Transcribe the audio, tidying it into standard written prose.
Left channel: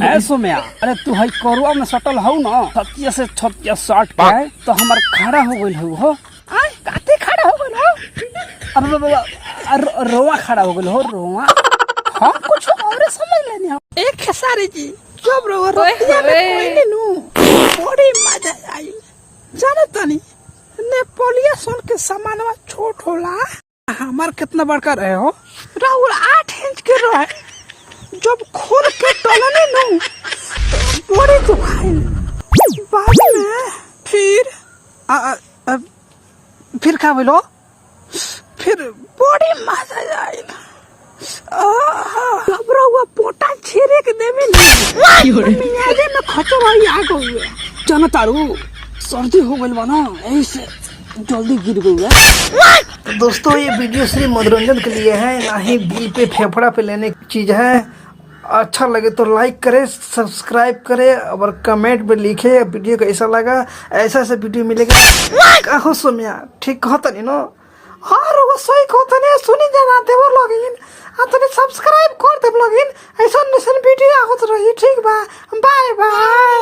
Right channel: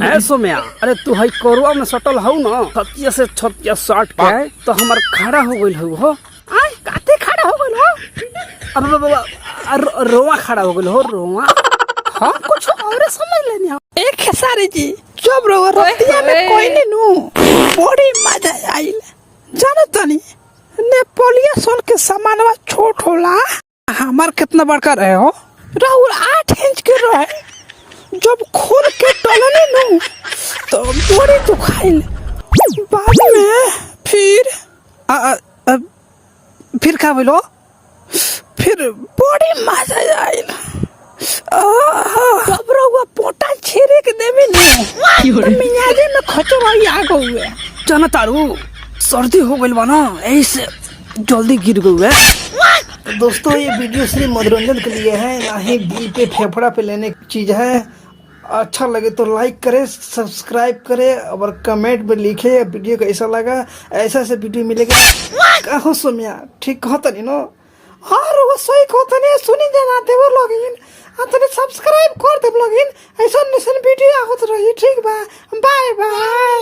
ऐसो में अरे तू है करुआ में सटल हूँ ना छतिया से छतिया साट पाए तो हमार खड़ा हो गई हो काते खड़ा हो गई हो अब बाबा रोआ खड़ा हो गई हो रोआ हम कुछ और समझ लेनी एक खेसारी जी चुप रहो रतिया में कोई नहीं नु बड़ी मजा आई जाने तनी नेपोलिया सोन के सामानवा छोट होला हमार कितना बड़का रहे हो राहुल 8 इंच के रहे जब खोल के टलने नु तो बड़ी दुखाइल बाद में फिर का बोलो फिर बड़ी मजा आइल घबरा हुआ पोटा छेरे के देवे नहीं मियाजे में खतरा आ गई है जनतारू सर्दी हो गई बना ऐसे जल्दी गिर गई है। दोस्तों ये वीडियो सिर्फ मनोरंजन के लिए है, ना ही दिल पे फेफड़ा पे लेने की चीज है। अच्छा लगे तो लाइक करे, सब्सक्राइब करे और कमेंट में लिखे वीडियो कैसा लगा। ऐसा ऐसा वीडियो मिलेगा कहो सोमिया ठीक कहता नहीं नो और वो सही कहता नहीं सुनी जाते वो लॉगिन आतने सब्सक्राइब कर दे लॉगिन ऐसा वीडियो आगत रही ठीक बा बाय बाय।